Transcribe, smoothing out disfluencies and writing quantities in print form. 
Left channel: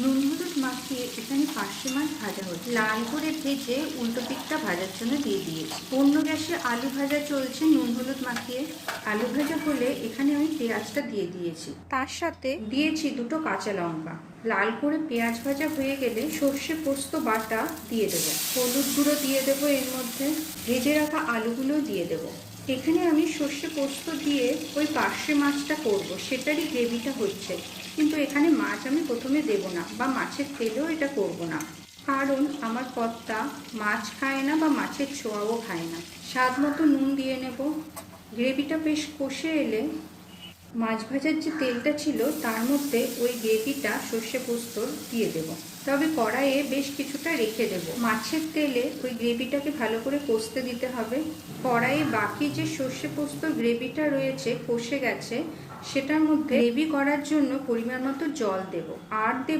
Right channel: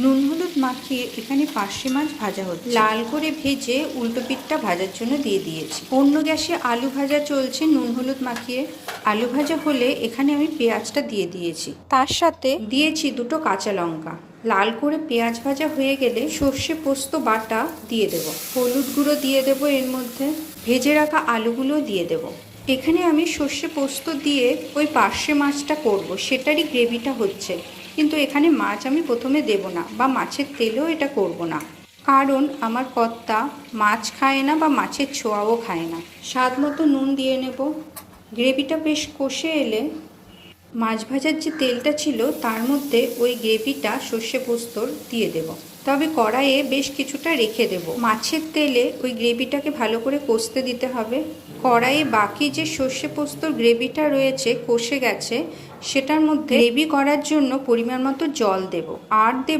নুন হলুদ মাখিয়ে এখানে পার্শে মাছ ভাজা হচ্ছে। লাল করে ভেজে উল্টো পিঠটা ভাজার জন্য দিয়ে দিয়েছি। অন্য গ্যাসে আলু ভাজা চলছে নুন হলুদ মাখিয়ে। আলু ভাজা হলে এখানে আমি পেঁয়াজটা দিয়ে দিয়েছি, তার সাথে দিয়েছি দুটো কাঁচা লঙ্কা। লাল করে পেঁয়াজ ভাজা হয়ে গেলে সর্ষে পোস্ত বাটা দিয়ে দেবো, হলুদ গুঁড়ো দিয়ে দেবো, এর মধ্যে ভেজে রাখা আলুগুলো দিয়ে দেবো। এখানে আমি সর্ষে পোস্ত দিয়ে ওই পার্শে মাছটা করব, সেটারই গ্রেভিটা হচ্ছে। কিন্তু এখানে মাছ আমি প্রথমে দেব না, বা মাছের তেলেও এটা করব না, কারণ আমার কর্তা মাছ খায় না বা মাছের ছোঁয়াও খায় না। স্বাদ মতো নুন দিয়ে নেব। গ্রেভিটা বেশ কষে এলে মাছ ভাজার যে তেলটা ছিল তার মধ্যে ওই গ্রেভিটা সর্ষে পোস্তর দিয়ে দেব, তবে কড়াইয়ে বেশ কিছুটা রেখে দেব। মাছের তেলে ওই গ্রেভিটাকে ভালো করে কষতে দিতে হবে। কড়াইয়ে বাকি যে সর্ষে পোস্তর গ্রেভিটা রয়েছে কষে গেছে, সেটার মধ্যে গ্রেভি করার জন্য পরিমাণ মতো জল দেব, আর দেব